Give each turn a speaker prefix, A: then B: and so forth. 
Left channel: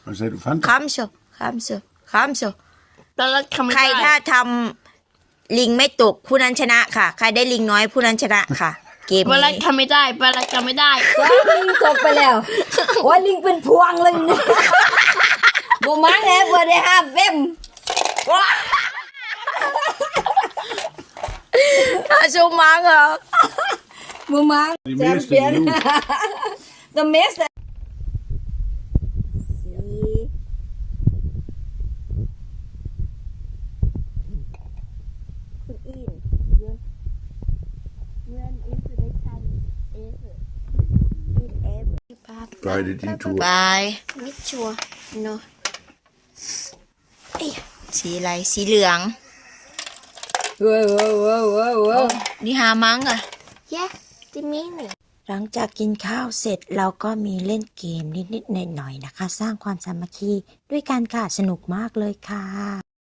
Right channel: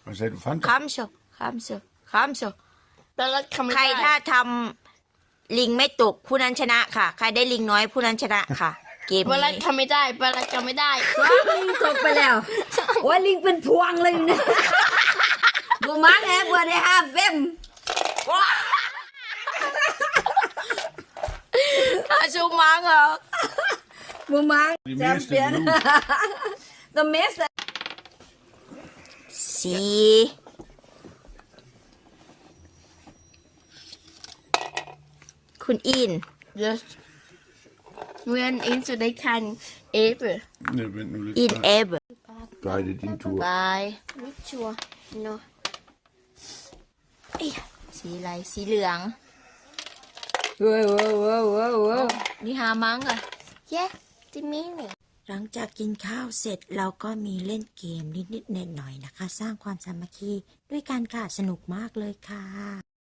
A: Vad säger du? Fanta?
B: Kamso ใครถ้าทำลิงไม่ตกผู้นั้นชนะค่ะ ใครได้ลิงน้อยผู้นั้นชนะค่ะ เกม
C: ปลาไหล
B: นี้
C: ทำไม่ได้ปลาไหลทำไม่ได้
D: ลิงตกไปแล้วว่าลิงเป็นพวงเลยนะบูมังแฮเบอร์ได้5เฟม
B: ถ้าชูมังเหรอ
D: บูมัง
A: Det
D: แช
A: är
D: ม
A: mest
D: เปี้ยน
A: idiot.
D: The mest
B: สีคุณอิน
C: Yes when into the can able
A: Nej, men nu lite
B: อินเอฟ
A: Bye, det är din tur.
B: บายไม่ชัวร์โนสีอะไรสีเหลือง
D: ว้าว
B: นี่หามังอ่ะจะมีหนึ่งหลังจากกินข้าวเสร็จเราก็มีเล่นเกมนิดๆหน่อยๆนะคะ สร้างความสามัคคีด้วยกันค่ะสนุกมากเลยค่ะ